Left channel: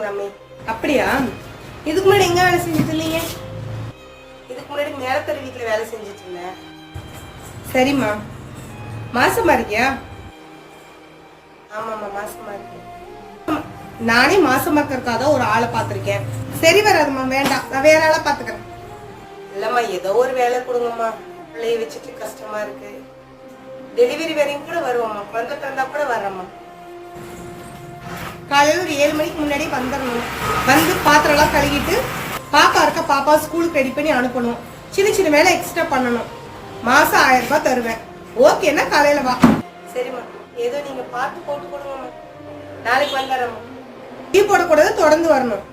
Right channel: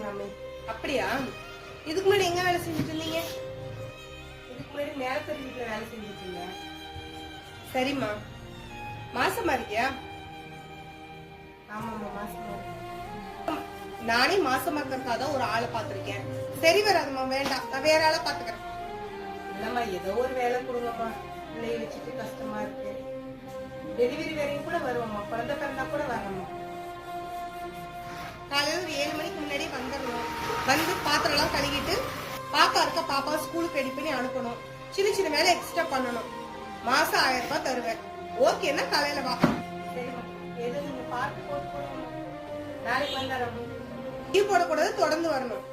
இருக்குங்களாமே. அப்படியா? இதுக்கு முன்னாடி எங்க வேலை செஞ்சுட்டு இருந்தீங்க? இதுக்கு முன்னாடி மேலத்தரு வீட்டுல வேலை செஞ்சுட்டு இருந்தேன். சரிம்மா. மாசமா இருக்கியா? ஆமாம்மா, மாசமா இருக்கேன். நானே மாசமா இருக்கிறதுக்காக ஒரு ஆளை பார்த்துருக்கேன். சரி வராதுமா, வேண்டாம், நான் வேற ஆளை பார்த்துக்கிறேன். இல்லம்மா, ஏதோ ஒரு வேலை கொடுங்கம்மா, பிள்ளைய வச்சுட்டு கஷ்டமா இருக்கு. டெலிவரி வரையும் கூட வருவோம்மா, குழந்தை பிறந்தா கூட வர்றம்மா. காலையில் ஒரு 7 மணிக்கு முன்னாடி வந்துடணும். வந்து பாத்திரம்லாம் கழுவிட்டு பாப்பா இருக்க பாப்பா ஸ்கூலுக்கு ரெடி பண்ணி அனுப்பணும். சின்ன சின்ன வேலை எக்ஸ்ட்ரா பண்ணணும். மாசம் 1000 ரூபாய் தருவேன். ஓகேன்னா காலையில வா. சரிம்மா, ஏதோ நீங்க பார்த்து போட்டு கொடுங்கம்மா. நாளைக்கு வந்துடுறேம்மா. டீ போடக்கூடாது, தொடர்ந்து வரணும்.